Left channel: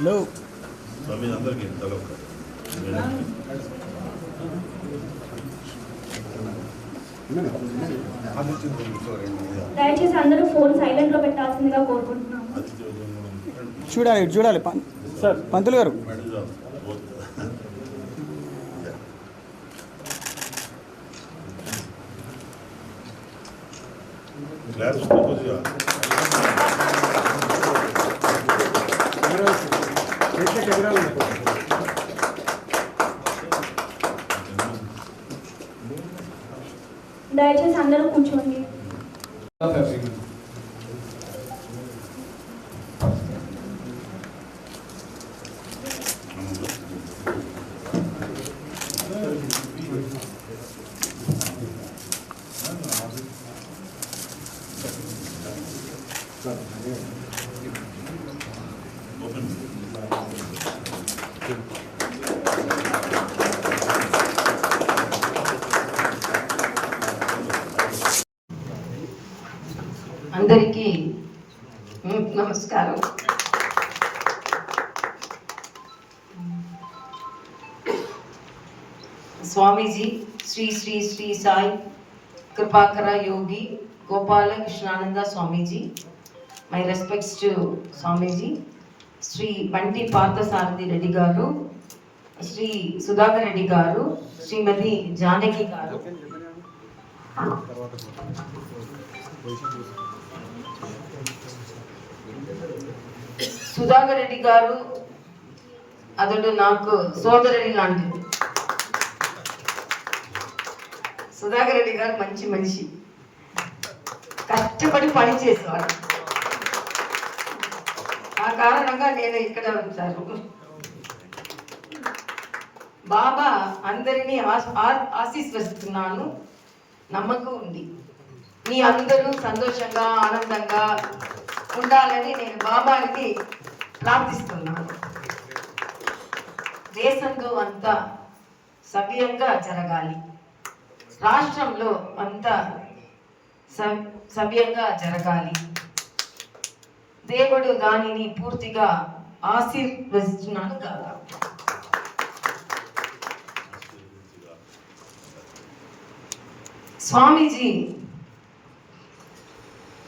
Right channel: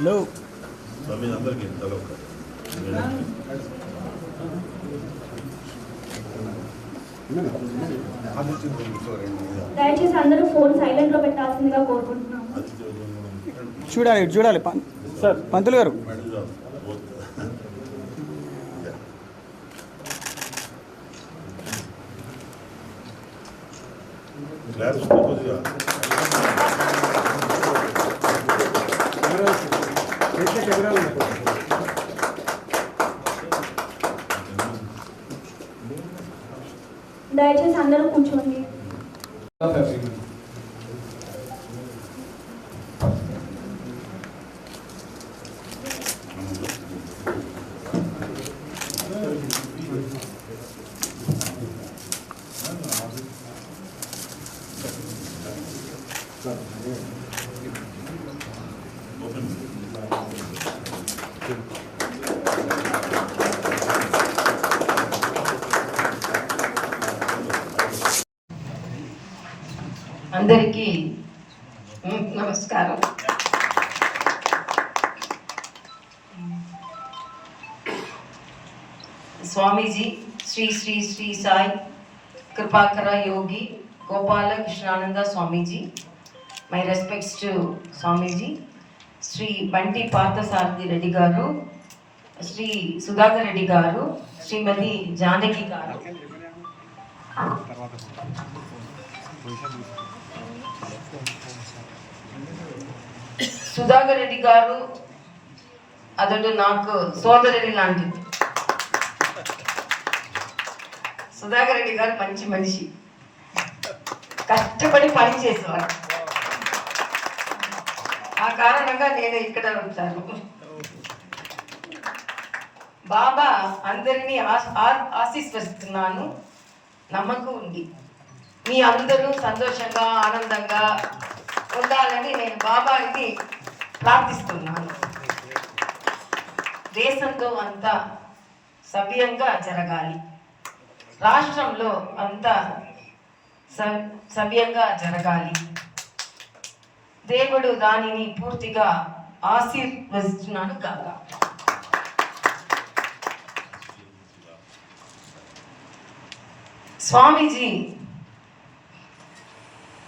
హలో అందరికీ దయచేసి అందరూ ఫోన్ సైలెంట్ లో పెట్టాల్సిందిగా కోరుకుంటున్నాము. చూడాలి చూడాలి సార్ పంతులు గారు. క్లాస్ దయచేసి అందరూ కూర్చోండి. అందరికీ నమస్కారం. స్వామీజీ శ్రీ శ్రీ శ్రీ సాయి కృపాకర యోగి గోపాల కృష్ణానంద స్వామీజీ, మై రెస్పెక్ట్స్ టు స్వామీజీ, శ్రీ బంటి పార్థసారథి రెడ్డి గారు, శ్రీ సుధాకర్ రెడ్డి గారు, శ్రీమతి జానకి గారు, సుధాకర్ రెడ్డి గారు అతడు నాకు సోదరుడి లాంటిది. సుధాకర్ రెడ్డి గారు మంచి మనిషి, కష్టపడి పని చేసేవాడు. ఆ కారణంగా నేను ఇక్కడ వచ్చాను. బాబా అందరినీ ఆశీర్వదిస్తున్నాను. నమ్మకం ఉంది మీ అందరూ సంతోషంగా ఆనందంగా ఉండాలని నేను బాబాకి ప్రార్థిస్తున్నాను. దేశంలో అంతా సవ్యంగా జరగాలి, రాష్ట్రంలో అంతా సవ్యంగా జరగాలి. దేవుడు దానిని పూర్తిగా ఆశీర్వదిస్తున్నాను కాక. స్వామీజీ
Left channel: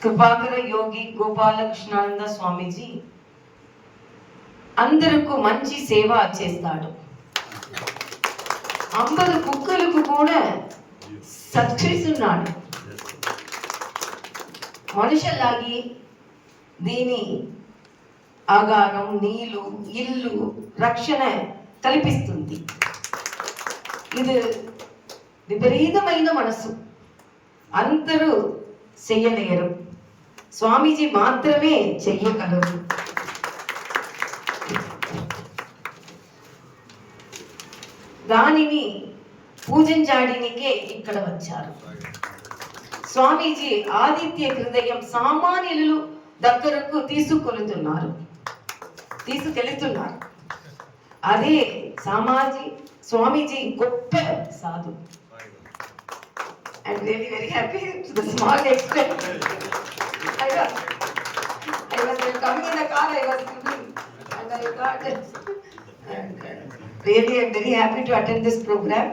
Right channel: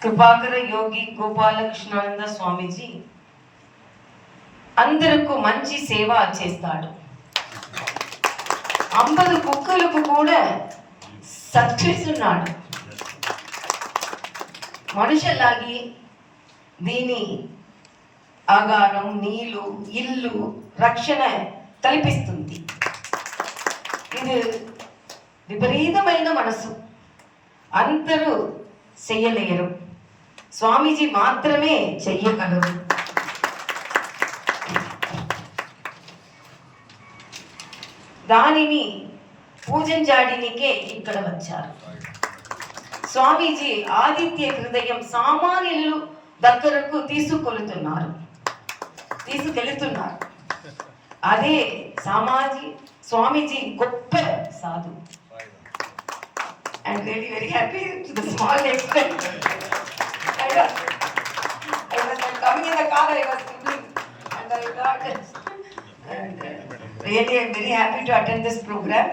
కృపాకర యోగి గోపాల కృష్ణానంద స్వామీజీ అందరికీ మంచి సేవ చేస్తాడు. 50 కుక్కలకు కూడా సక్సెస్ ఉన్నాడు. మనుషులాగి దీని ఆగారం, నీళ్ళు, ఇల్లు, రక్షణ కల్పిస్తుంది. ఇది విపరీతమైన మనసు, అందరూ చెయ్యలేరు, స్వామీజీ మాత్రమే చెయ్యగలరు. దానిని పూజించడానికే ఇక్కడ వచ్చారు. స్వామీజీ ఆదిత్య హృదయం సామాన్యులు దగ్గరకు తీసుకెళ్తున్నారు. అదే స్వామీజీ గొప్ప సాధు. I'm really very happy to the small extent. I was coming in the car, I was thinking, and I thought, really I'm very happy to attend this program.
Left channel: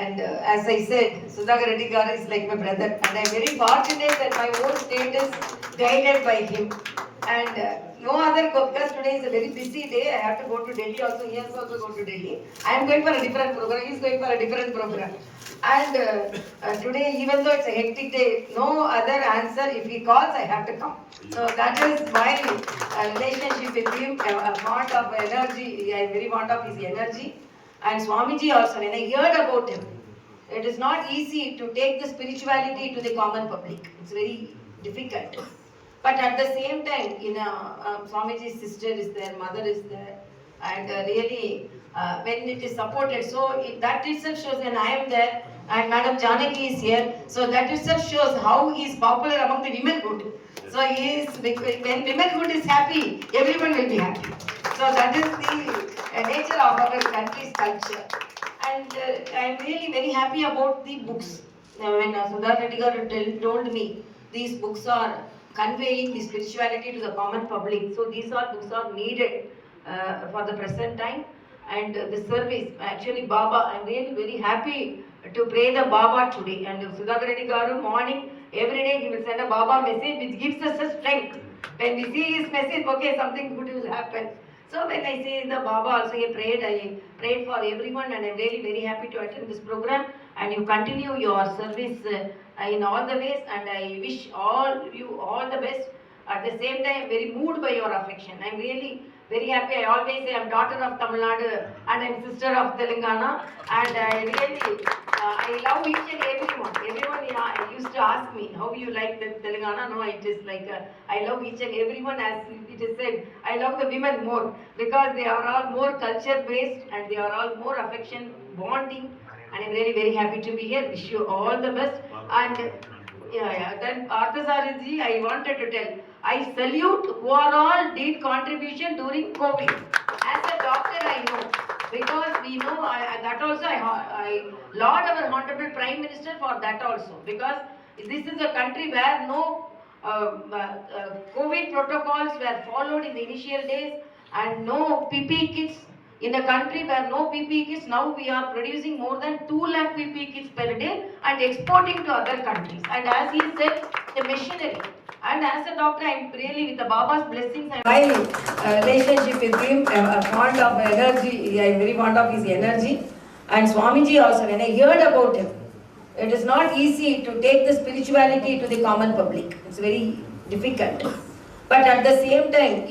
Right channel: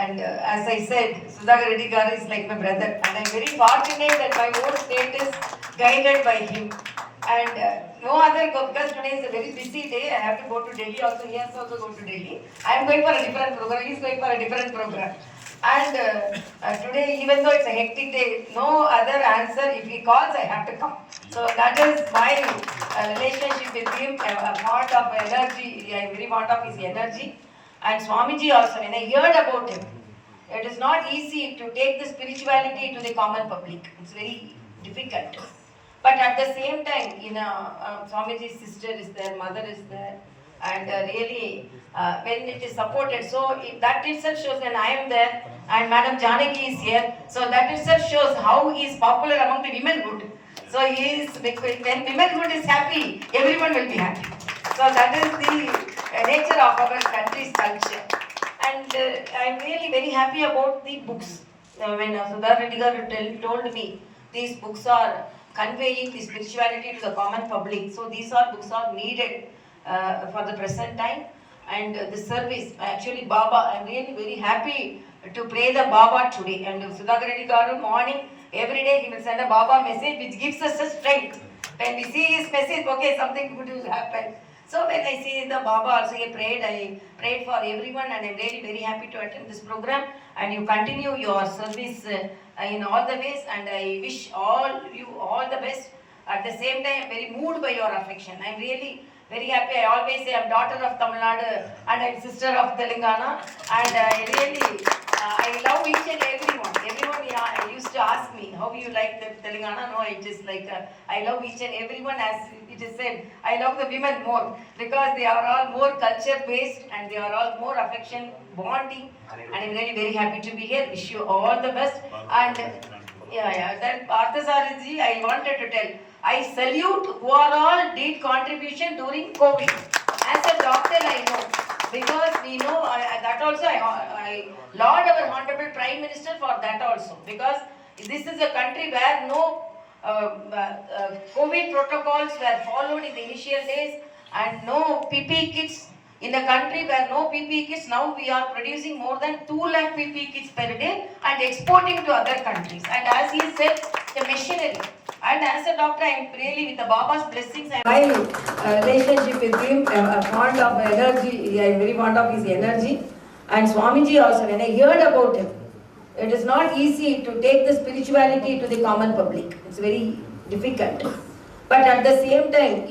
And as I said, Sudhakar Reddy Garu is like my brother, and I'm very fortunate that my whole state is guided by him. And no other, because today is a very busy day, I have to go to Delhi also, he has also go to Delhi. I am going for a different program, he is going for a different program. And today, even though it's a hectic day, no other answer, if he calls, I have to come. So that is my relationship with him, a part of energy, I am very fond of his energy. And Swamiji also, when I heard about him, it is not easy to take the spirituality to the common public. It's very difficult. But at the same time, Swamiji's sister is there, mother is there, and really when it is supported, so that itself shows when I am there and Madam Janaki is here, so that itself shows how he is popular among the womenhood. So he is, when womenhood is happy, everyone will be happy. So that is the nature of our country's culture. And I am really very happy about the books. When Sudha Reddy garu told me these books are conveying the spirituality to the common public. So these books are needed for the present time. And the service, actually Baba, I am really very happy to pray the Baba today. And Sudha Reddy garu morning, every day he will send a Baba message which gives us a strength. When we see his message, okay, something good will happen. So when I see the Baba also I prayed for everyone, and I am really very happy to attend this program, and you continue your service in all the ways, and I wish you all the best. At the same time, I am very moved by your affection. I am really very happy. I always say I am daughter of Tamil Nadu and I am sister of Telangana, and I really I love each and everyone. Everyone used to ask me how you like the Telangana. No, it is like I love each and everyone. As it is said, I love the women more because they are all more culture based and they are all more affection bonding. And I am really very happy to be here. Wish you all the best. And then Parthasarathi, I wanted to tell, I salute who are all did contribution during COVID. As a doctor, I know, because we know that also I laud our Honorable Prime Minister for that also, because this is a country where no COVID protocols were followed in the initial days, and no PPE kits. In a country where no PPE kits, now we are producing more than 2 lakh PPE kits per day and exporting to other countries. And as he said, the machinery. And as a doctor, I am really with the Baba's blessings. My relationship with him, I am fond of energy. I am very fond of his energy. And Swamiji also, when I heard about him, it is not easy to take the spirituality to the common public. It's very difficult. But at the same time,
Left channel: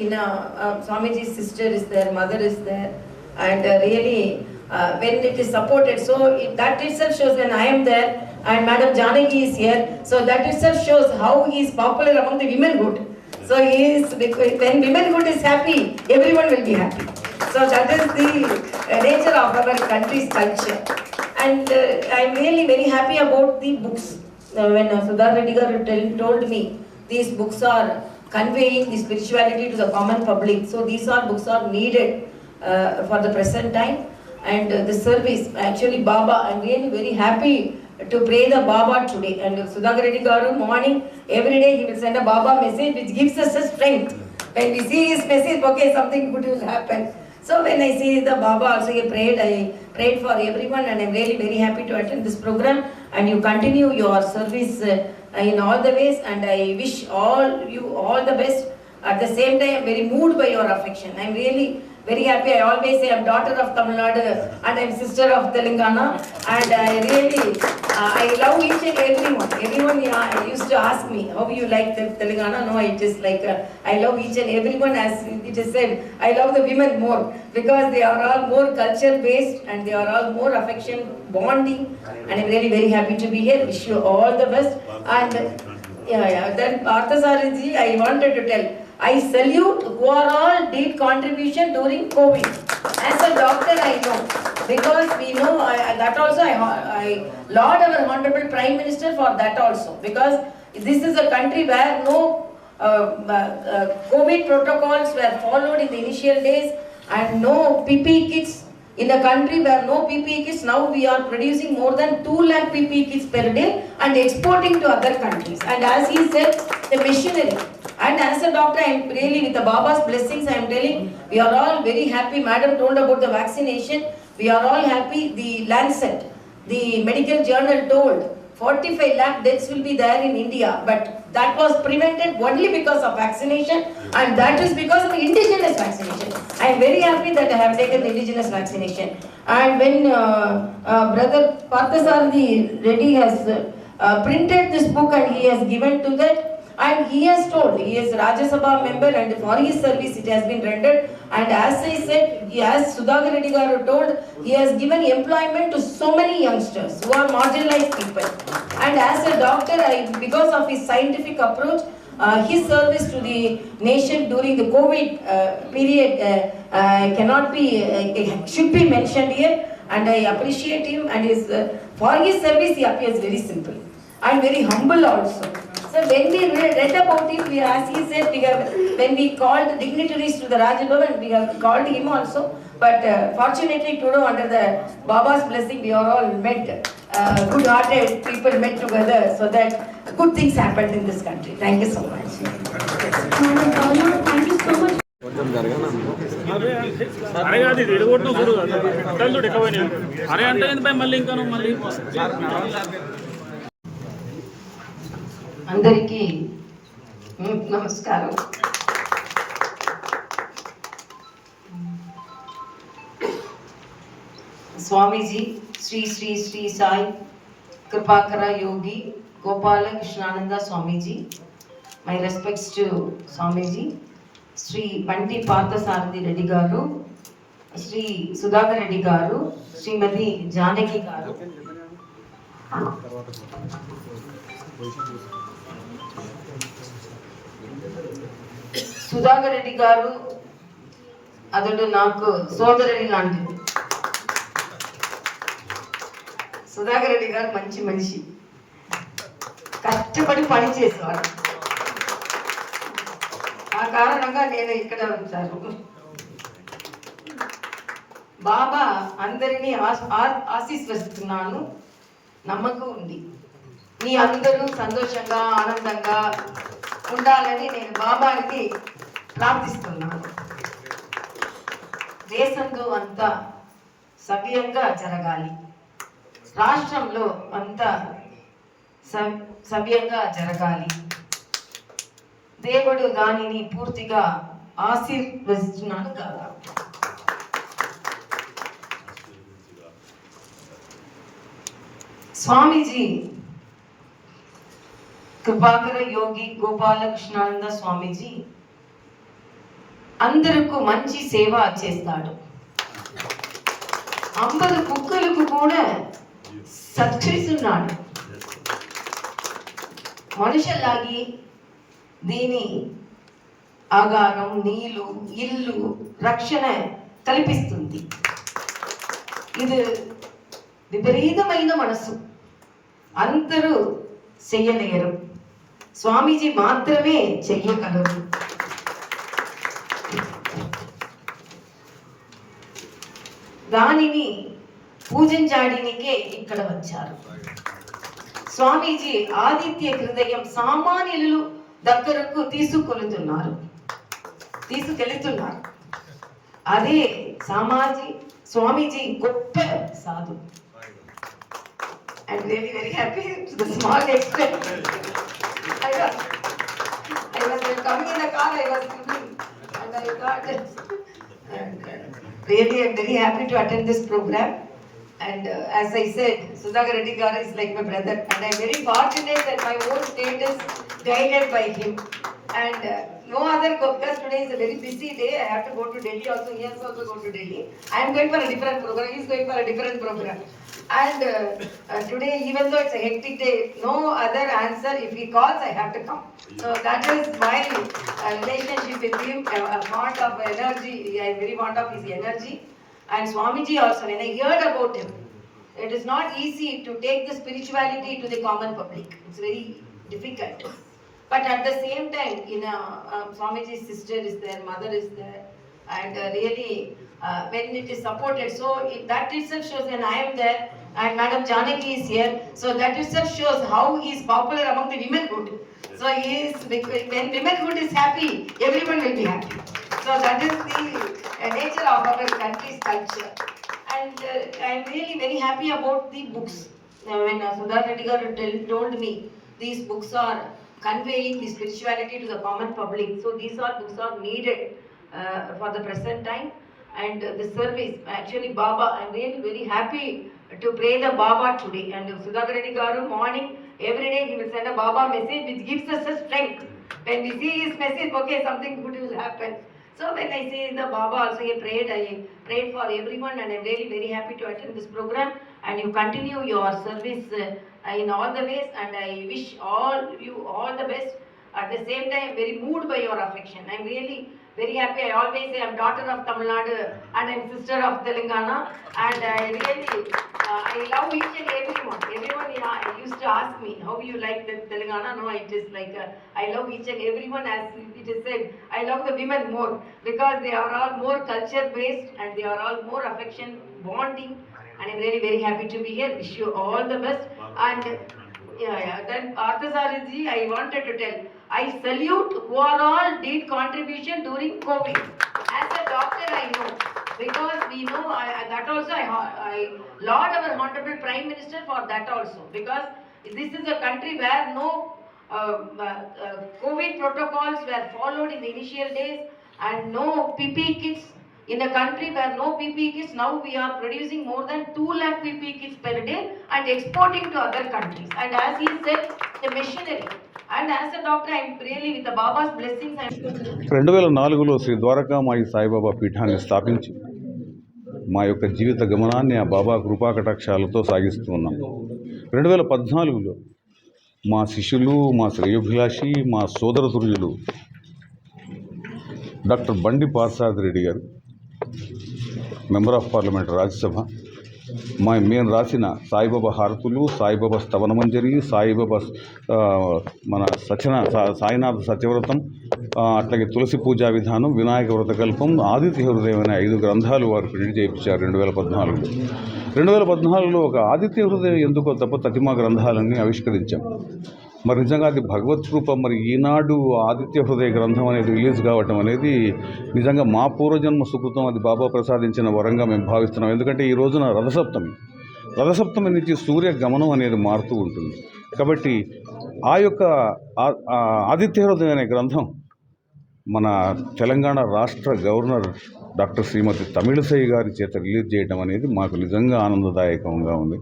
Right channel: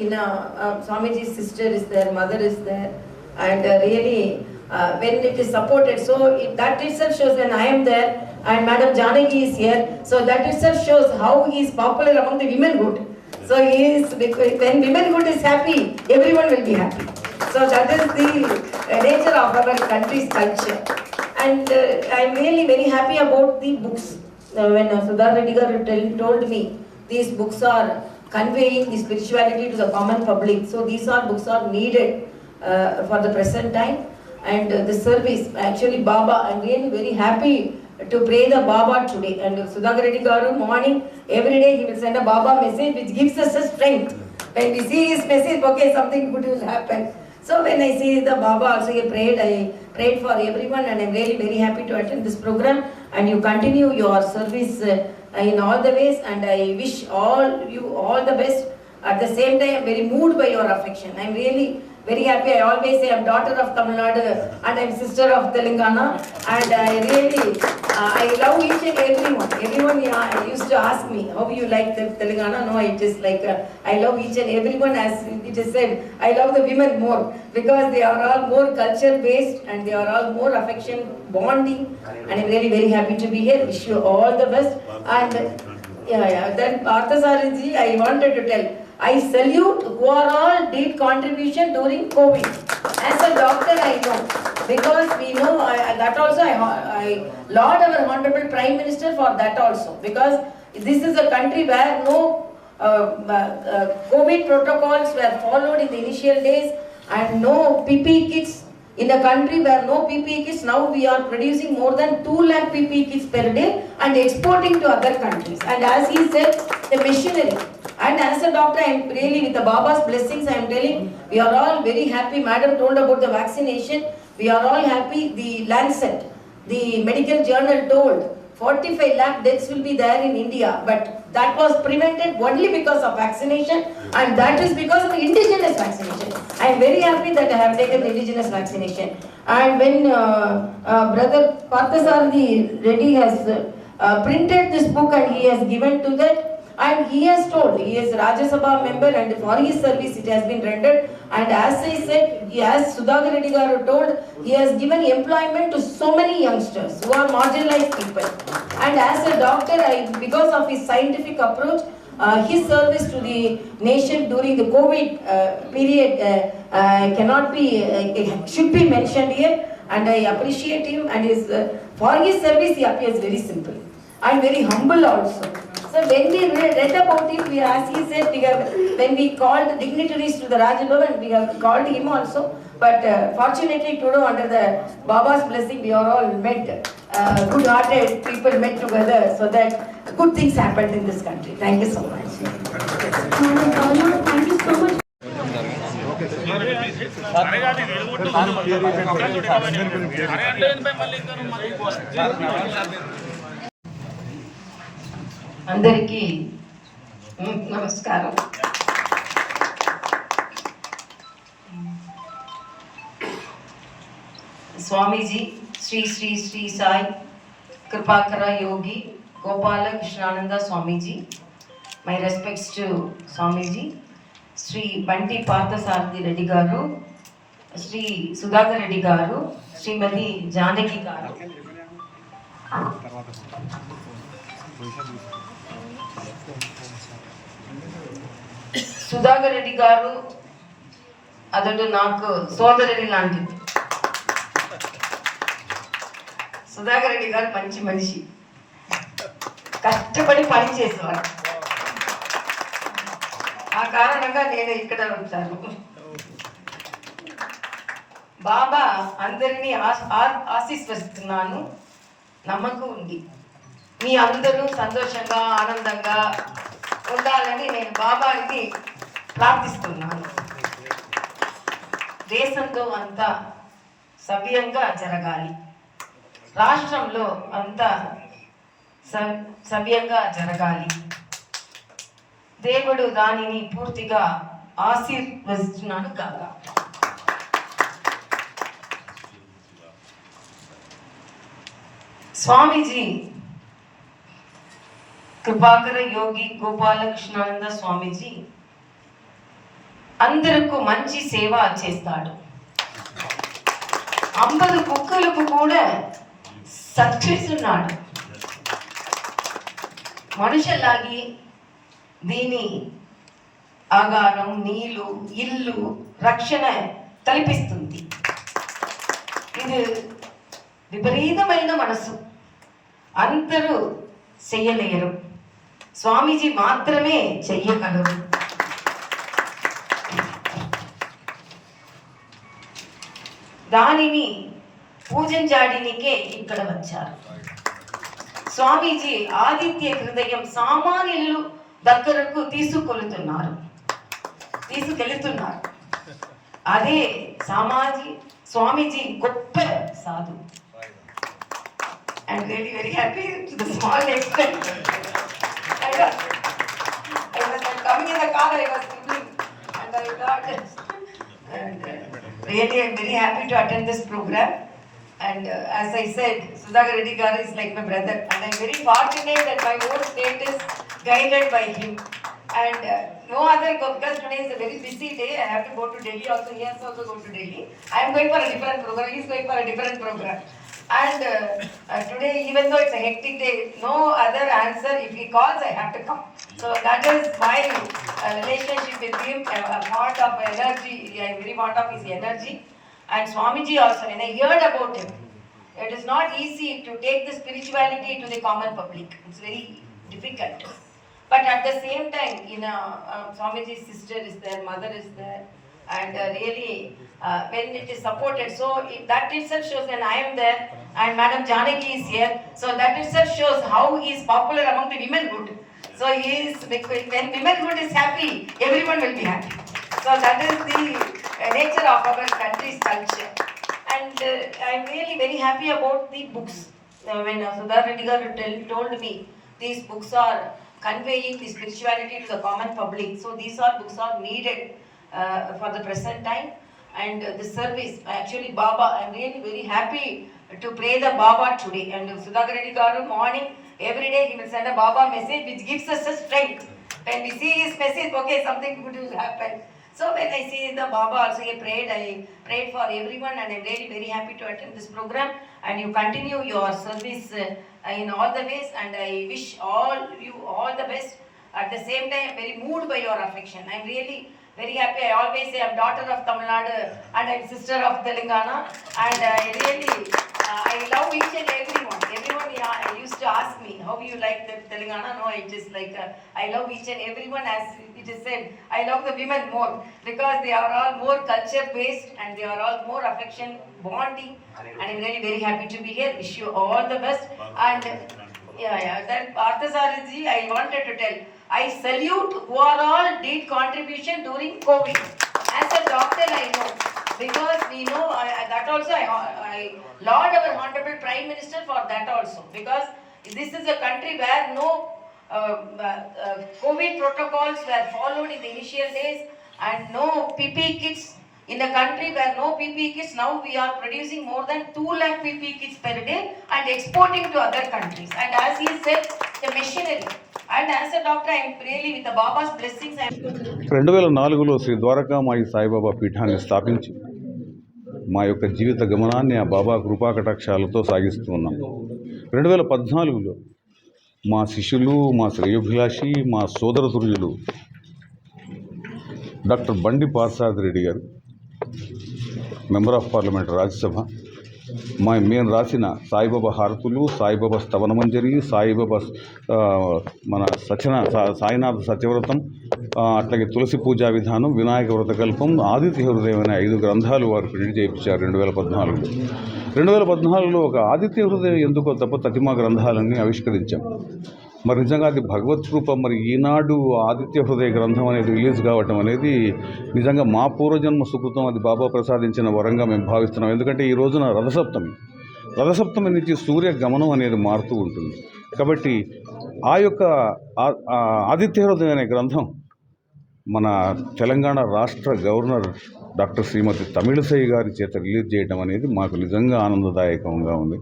Swamiji's sister is there, mother is there, and really when it is supported, so that itself shows when I am there and Madam Janaki is here, so that itself shows how he is popular among the womenhood. So he is, when womenhood is happy, everyone will be happy. So that is the nature of our country's culture. And I am really very happy about the books. When Sudha Reddy garu told me these books are conveying the spirituality to the common public. So these books are needed for the present time. And the service, actually Baba, I am really very happy to pray the Baba today. And Sudha Reddy garu morning, every day he will send a Baba message which gives us a strength. When we see his message, okay, something good will happen. So when I see the Baba also I prayed for everyone, and I am really very happy to attend this program, and you continue your service in all the ways, and I wish you all the best. At the same time, I am very moved by your affection. I am really very happy. I always say I am daughter of Tamil Nadu and I am sister of Telangana, and I really I love each and everyone. Everyone used to ask me how you like the Telangana. No, it is like I love each and everyone. As it is said, I love the women more because they are all more culture based and they are all more affection bonding. And I am really very happy to be here. Wish you all the best. And then Parthasarathi, I wanted to tell, I salute who are all did contribution during COVID. As a doctor, I know, because we know that also I laud our Honorable Prime Minister for that also, because this is a country where no COVID protocols were followed in the initial days, and no PPE kits. In a country where no PPE kits, now we are producing more than 2 lakh PPE kits per day and exporting to other countries. And as he said, the machinery. And as a doctor, I am really with the Baba's blessings, I am telling, we are all very happy. Madam told about the vaccination. We are all happy. The Lancet, the medical journal told 45 lakh deaths will be there in India, but that was prevented only because of vaccination, and that is because of indigenous vaccination. I am very happy that I have taken the indigenous vaccination. And when Brother Parthasarathi Reddy has printed this book and he has given to that, And he has told, he is Rajya Sabha member and for his service it has been rendered. And as I said, as Sudhakar Reddy garu told, he has given employment to so many youngsters who are marginalized people. And as a doctor, because of his scientific approach, his service to the nation during the COVID period cannot be, should be mentioned here. And I appreciate him, and for his service he appears very simple and very humble also. So when we read about it, as he said, when we called dignitaries to the Raj Bhavan, we have called him also. But fortunately today, under the Baba's blessing, we are all met, good-hearted people met together so that good things happened in this country. Thank you so much. Thank you so much. అందరికీ నమస్కారం. స్వామీజీ శ్రీ శ్రీ శ్రీ సాయి కృపాకర యోగి గోపాల కృష్ణానంద స్వామీజీ, my respects to స్వామీజీ, శ్రీ బంటి పార్థసారథి రెడ్డి గారు, శ్రీ సుధాకర్ రెడ్డి గారు, శ్రీమతి జానకి గారు, సుధాకర్ రెడ్డి గారు అతడు నాకు సోదరుడి లాంటిది. సుధాకర్ రెడ్డి గారు మంచి మనిషి, కష్టపడి పని చేసేవాడు. ఆ కారణంగా నేను ఇక్కడ ఉంటాను. బాబా అందరినీ ఆశీర్వదిస్తున్నాను. నమ్మకం ఉంది మీ అందరూ సంతోషంగా ఆనందంగా ఉండాలని నేను బాబాకి ప్రార్థిస్తున్నాను. దేశంలో అంతా సవ్యంగా జరగాలి, రాష్ట్రంలో అంతా సవ్యంగా జరగాలి. దేవుడు దానిని పూర్తిగా ఆశీర్వదిస్తున్నాను కాక. స్వామీజీ కృపాకర యోగి గోపాల కృష్ణానంద స్వామీజీ అందరికీ మంచి సేవ చేస్తాడు. 50 కుక్కలకు కూడా సత్కరిస్తున్నాడు. మనుషులాగి దీని ఆగారం, నీళ్ళు, ఇల్లు, రక్షణ కల్పిస్తుంది. ఇది విపరీతమైన మనసు, అందరూ చెయ్యలేరు, స్వామీజీ మాత్రమే చెయ్యగలరు. దానిని పూజించడానికే ఇక్కడ వచ్చారు. స్వామీజీ ఆదిత్య హృదయం సామాన్యులు దగ్గరకు తీసుకెళ్తున్నారు. అదే స్వామీజీ గొప్ప సాధు. I'm really very happy to the small extent. I was coming in the car, I was scribbling, and I thought, and really I'm very happy to attend this program. And as I said, Sudhakar Reddy garu is like my brother, and I'm very fortunate that my whole state is guided by him. And no other, because today is a very busy day, I have to go to Delhi also, he has also go to Delhi. I am going for a different program, he is going for a different program. And today, even though it's a hectic day, no other answer. If he calls, I have to come. So that is my relationship with him. A part of energy. I am very fond of his energy. And Swamiji also, when I heard about him, it is not easy to take the spirituality to the common public. It's very difficult. But at the same time, Swamiji's sister is there, mother is there. And really, when it is supported, so that itself shows when I am there and Madam Janaki is here, so that itself shows how he is popular among the womenhood. So when womenhood is happy, everyone will be happy. So that is the nature of our country's culture. And I am really very happy about the books. When Sudhakar Reddy garu told me these books are conveying the spirituality to the common public, so these books are needed for the present time. And the service, actually Baba, I am really very happy to pray the Baba today. And Sudhakar Reddy garu morning every day he will send a Baba message which gives us a strength. When we see his message, okay, something good will happen. So when I see the Baba also I prayed for everyone, and I'm really very happy to attend this program, and you continue your service in all the ways, and I wish you all the best. At the same time, I'm very moved by your affection. I'm really very happy. I always say I'm daughter of Tamil Nadu and I'm sister of Telangana, and I really I love each and everyone. Everyone used to ask me, how you like the Telangana? No, it is like I love each and everyone. As it is said, I love the women more because they are all more culture based and they are all more affection bonding. And I'm really very happy to be here. Wish you all the best. And then Parthasarathi, I wanted to tell, I salute who are all did contribution during COVID. As a doctor, I know, because we know that also I laud our Honorable Prime Minister for that also, because this is a country where no COVID protocols were followed in the initial days, and no PPE kits. In the country where no PPE kits, now we are producing more than 2 lakh PPE kits per day and exporting to other countries. And as he said, the machinery. And as a doctor, I am really with the Baba's blessings. 2004లో శ్రీ ద్వారకామాయి సాయిబాబా పీఠాన్ని స్థాపించి మా యొక్క జీవిత గమనాన్ని ఆ బాబా కృపాకటాక్షాలతో సాగిస్తూ ఉన్నాం. 2014లో మా శిష్యులు, మా శ్రేయోభిలాషి, మా సోదరతుల్యులు డాక్టర్ బండి పార్థసారథి గారు, మెంబర్ ఆఫ్ పార్లమెంట్ రాజ్యసభ, మేము రాసిన సాయిబాబా హారతులు, సాయిబాబా స్తవనమంజరి, సాయిబాబా మన సాయినాథ సత్యవ్రతం, అట్లాగే తులసి పూజా విధానం, వినాయక వ్రతకల్పం, ఆదిత్య హృదయం అనే 5 గ్రంథాలు వారు ప్రింట్ చేయించారు 2014లో. 2014లో ఒక ఆదిత్య హృదయం ఎందుకో తప్ప తతిమా గ్రంథాలన్నీ ఆవిష్కరించాం. మరి నిజంగా అది భగవత్ రూపం. మరి ఈనాడు ఆదిత్య హృదయ గ్రంథం అనేది రిలీజ్ కావటం అనేది నిజంగా మా పూర్వజన్మ సుకృతం. అది బాబా ప్రసాదించిన వరంగా మేము భావిస్తున్నాం. ఎందుకంటే ఈ రోజున రథసప్తమి నుంచి సూర్య గమనం అనేది మారుతూ ఉంటుంది. కాబట్టి ఆ యొక్క ఆదిత్య హృదయం అనే గ్రంథం మన తెలంగాణ రాష్ట్ర గవర్నర్ డాక్టర్ శ్రీమతి తమిళిసై గారి చేత రిలీజ్ చేయడం అనేది మాకు నిజంగా ఆనందదాయకంగా ఉంది.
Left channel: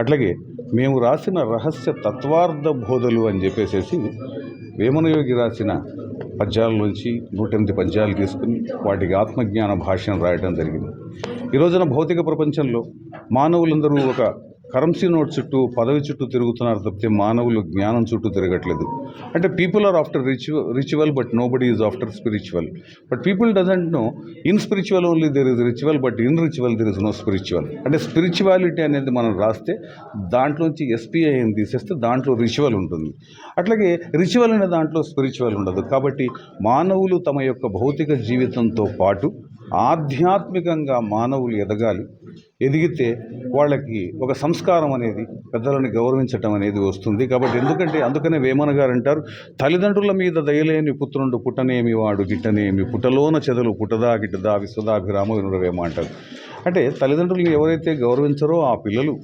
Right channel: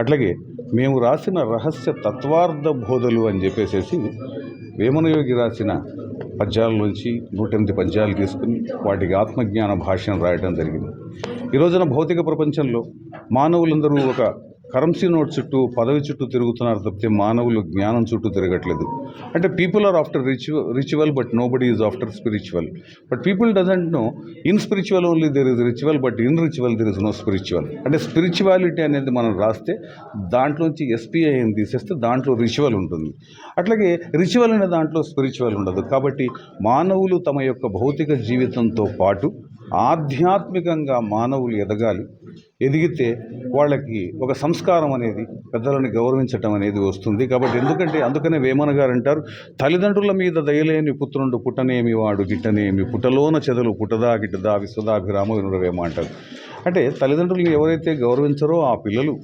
అట్లాగే మేము రాసిన రహస్య తత్వార్థ బోధలు అని చెప్పేసి వేమనయోగి రాసిన పద్యాలలోంచి 108 పద్యాలు తీసుకుని వాటికి ఆత్మజ్ఞాన భాష్యం రాయడం జరిగింది. ఈ రోజున భౌతిక ప్రపంచంలో మానవులందరూ ఒక కరెన్సీ నోట్ చుట్టూ, పదవి చుట్టూ తిరుగుతున్నారు తప్పితే మానవులు జ్ఞానం చుట్టూ తిరగట్లేదు. అంటే people are after ritual but nobody is after spiritual. But people doesn't know in spiritual only there is ritual, but in ritual there is no spiritual. అంటే స్పిరిచువాలిటీ అనేది మనం రాస్తే దాంట్లోంచి SPIని తీసేస్తే దాంట్లో రిచువల్ ఉంటుంది. అట్లాగే రిచువల్ అనే దాంట్లో స్పిరిచువల్ ఉండదు. కాబట్టి మానవులు తమ యొక్క భౌతిక జీవితంతో పాటు ఆధ్యాత్మికంగా మానవులు ఎదిగితే వాళ్ళకి ఒక సంస్కారం అనేది, పెద్దలని గౌరవించటం అనేది వస్తుంది. కాబట్టి అందుకనే వేమన గారు అంటారు, తల్లిదండ్రుల మీద దయలేని పుత్రుండు పుట్టనేమి వాడు గిట్టనేమి, పుట్టలోన చెదలు పుట్టదా గిట్టదా విశ్వదాభిరామ వినురవేమ అంటారు. అంటే తల్లిదండ్రులను ఎవరైతే గౌరవించరో ఆ పిల్లలు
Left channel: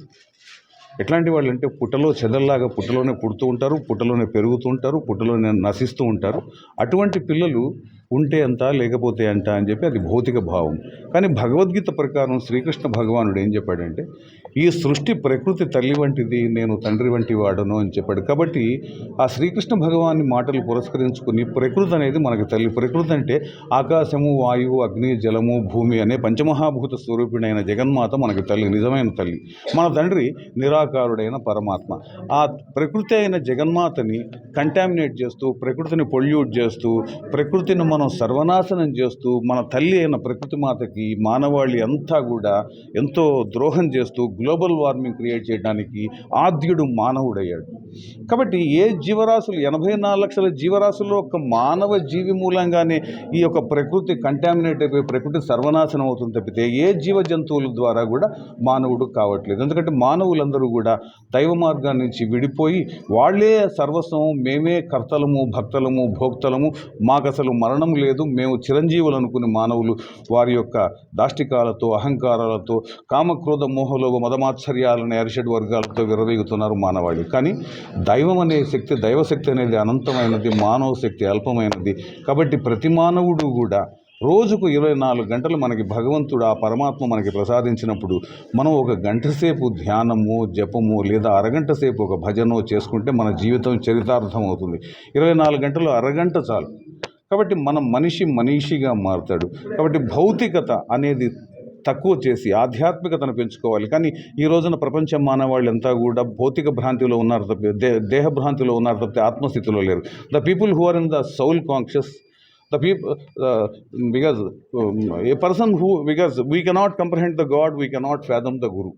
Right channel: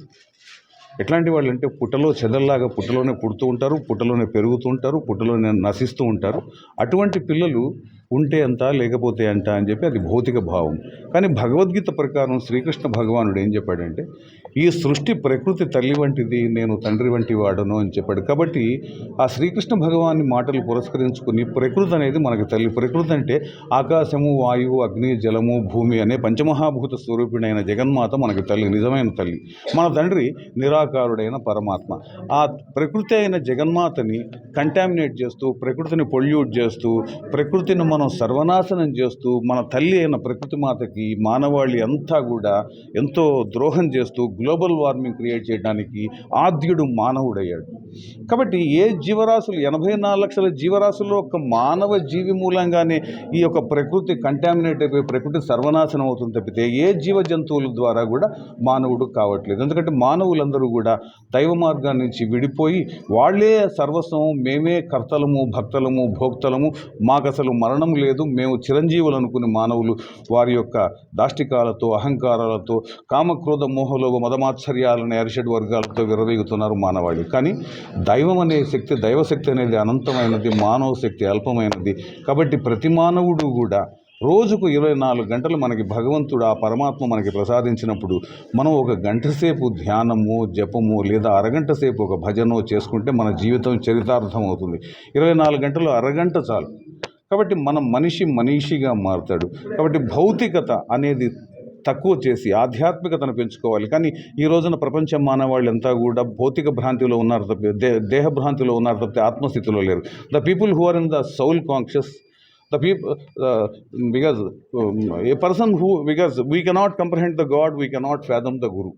ఎట్లాంటి వాళ్ళు అంటే పుట్టలో చెదల్లాగా పుట్టలోనే పుడుతూ ఉంటారు, పుట్టలోనే పెరుగుతూ ఉంటారు, పుట్టలోనే నశిస్తూ ఉంటారు. అటువంటి పిల్లలు ఉంటే అంత లేకపోతే అంట అని చెప్పి అది భౌతిక భావం. కానీ భగవద్గీత ప్రకారం శ్రీకృష్ణ భగవానుడు ఏం చెప్పాడంటే, ఈ సృష్టి ప్రకృతి తల్లి వంటిది, నేను తండ్రి వంటి వాడను అని చెప్పాడు. కాబట్టి ఆ శ్రీకృష్ణ భగవాన్ని మాటలు పురస్కరించుకుని ప్రకృతి అనేది మనకి తల్లి. ప్రకృతి అంటే ఆకాశము, వాయువు, అగ్ని, జలము, భూమి అనే పంచమహాభూత స్వరూపిణైన జగన్మాత మనకి తల్లి, నిజమైన తల్లి. మన తండ్రి నిరాకారుడైన పరమాత్మ. ఆ ప్రకృతి అయిన జగన్మాతని కంటామినేట్ చేస్తూ, ప్రకృతిని పొల్యూట్ చేస్తూ, ప్రకృతిని మనం సర్వనాశనం చేస్తూ, మన తల్లి అయిన ప్రకృతి మాతకి మానవాళి అంతా కూడా ఎంతో ద్రోహం చేస్తూ గ్లోబల్ వార్మింగ్ క్రియేట్ చేయడానికి ఆద్యుడు మానవుడయ్యాడు. కాబట్టి ఏ జీవరాశులు 84 లక్షల జీవరాశుల్లో ఒక మానవ జీవి మూలంగానే ఈ యొక్క ప్రకృతి కంటామినేట్ అయిపోయి ప్రకృతి సర్వనాశనం అవుతుంది తప్పితే ఏ జీవ జంతువుల ద్వారా కూడా మానవుడు కావట్లేదు. ఎందుకంటే మానవులందరూ కూడా దైవ మార్గాన్ని నుంచి విడిపోయి వాళ్ళే సర్వస్వం, మేమే కర్తలము, భక్తలము, భోక్తలము, మాకసలు మరణం లేదు, మేము చిరంజీవులు అనుకునే మానవులు వారి యొక్క దాష్టికాలతో, అహంకారాలతో, కామక్రోధ మోహలోభ మదమాత్సర్యాలనే అరిషడ్ వర్గాలతో విర్రవీగుతున్నారు మానవాళి. కానీ దైవం అనే శక్తి, దైవశక్తి అనేది అనంతమైనది, మానవ శక్తి అల్పమైనది. కాబట్టి ప్రతి మానవుడు కూడా రోజుకు 24 గంటలు మనకి భగవంతుడు ఆ పరమాత్మ మనకి ప్రసాదించినప్పుడు మనం ఒక గంట సేపు ధ్యానము జపము లేదా అరగంట సేపు ఒక భజనో చేసుకుంటే మన జీవితం చరితార్థం అవుతుంది. 24 గంటలు అరగంట చాలు. కాబట్టి మనం మనిషిగా మారుతాడు. కాబట్టి భౌతికత అనేది తక్కువ చేసి ఆధ్యాత్మికతను పెంచుకోవాలి. కానీ ఈ రోజున ప్రపంచ మానవాళ్ళంతా కూడా భౌతిక భ్రాంతిలో ఉన్నారు తప్పితే దేహ భ్రాంతిలో ఉన్నారు తప్పితే ఆత్మస్థితిలో లేరు. The people who are in the soul conscious, the people because a person who, because we cannot comprehend the God, we cannot fathom the Guru.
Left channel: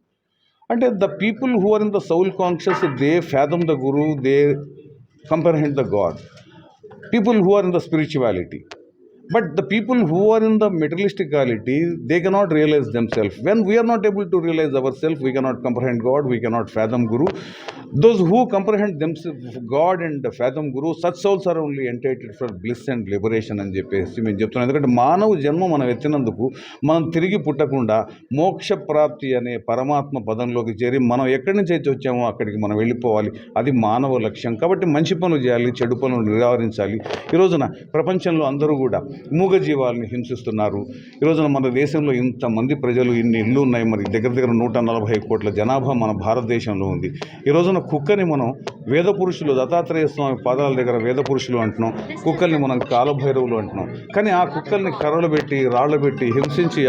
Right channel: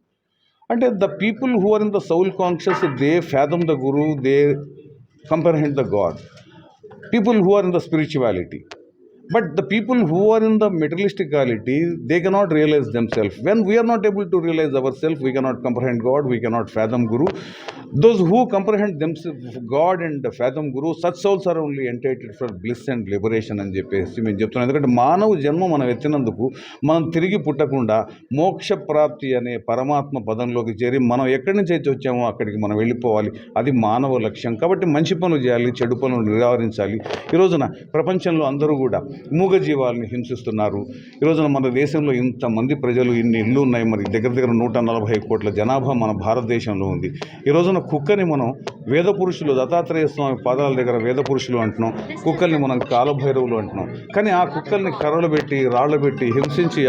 And the people who are in the soul conscious, they fathom the Guru, they comprehend the God. People who are in the spirituality, but the people who are in the materialisticality, they cannot realize themselves. When we are not able to realize ourselves, we cannot comprehend God, we cannot fathom Guru. Those who comprehend themselves, God and fathom Guru, such souls are only entitled for bliss and liberation అని చెప్పేసి మేము చెప్తున్నాం. ఎందుకంటే మానవ జన్మ మనం ఎత్తినందుకు మనం తిరిగి పుట్టకుండా మోక్ష ప్రాప్తి అనే పరమాత్మ పదంలోకి చేరి మనం ఎక్కడి నుంచి అయితే వచ్చామో అక్కడికి మనం వెళ్ళిపోవాలి. అది మానవ లక్ష్యం. కాబట్టి మంచి పనులు చేయాలి, చెడు పనులు నివారించాలి. ఈ రోజున ప్రపంచంలో అందరూ కూడా మూగజీవాలని హింసిస్తున్నారు. ఈ రోజున మన దేశంలో ఇంతమంది ప్రజలు, ఇన్ని ఇళ్ళు ఉన్నాయి, మరి దగ్గర 140 కోట్ల జనాభా మన భారతదేశంలో ఉంది. ఈ రోజున కుక్కని మనం వేద పురుషులు, దత్తాత్రేయ స్వామి పాదాల దగ్గర వేద పురుషులు అంటున్నాం, కుక్కల్ని మనం కాలభైరవులు అంటున్నాం. కానీ ఆ కుక్కల్ని కర్రలు పెట్టి రాళ్ళు పెట్టి హింసించి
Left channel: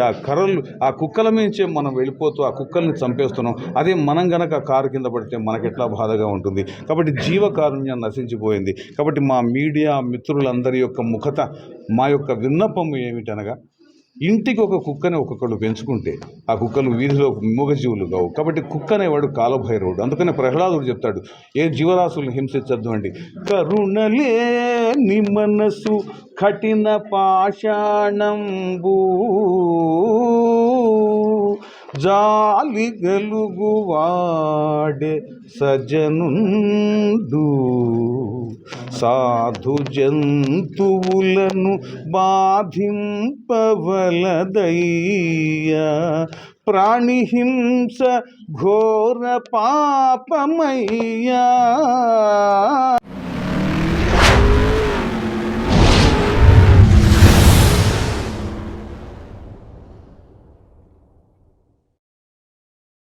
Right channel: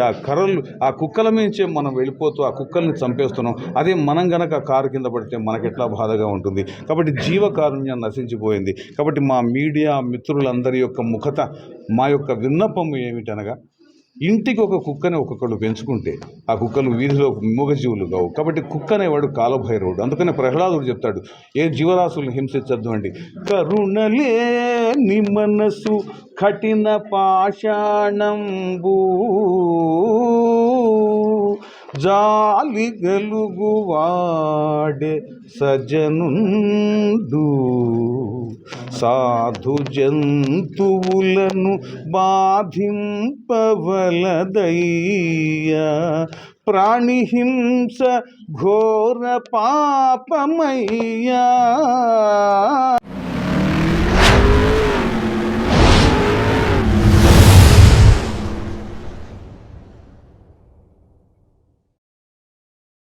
ఆ కుక్కల మించే మనం వెళ్ళిపోతూ ఆ కుక్కల్ని చంపేస్తున్నాం. అదే మనం గనక కారు కింద పడితే మనకెట్లా బాధగా ఉంటుంది. కాబట్టి జీవకారుణ్యం నశించిపోయింది. కాబట్టి మా మీడియా మిత్రులందరి యొక్క ముఖత, మా యొక్క విన్నపం ఏమిటనగా, ఇంటికి ఒక కుక్కని ఒక్కొక్కడు పెంచుకుంటే ఆ కుక్కలు వీధిలో మూగజీవులు కావు. కాబట్టి కుక్క అనేవాడు కాలభైరవుడు. అందుకనే ప్రహ్లాదుడు చెప్తాడు, ఏ జీవరాశులను హింసించద్దు అండి. కరుణలేని మనసు కఠిన పాషాణంబూ జాలి గలుగువాడే సజనుండు, సాధు జంతువులను బాధింపవలదయ్యా, ప్రాణిహింస ఘోర పాపమయ్యా.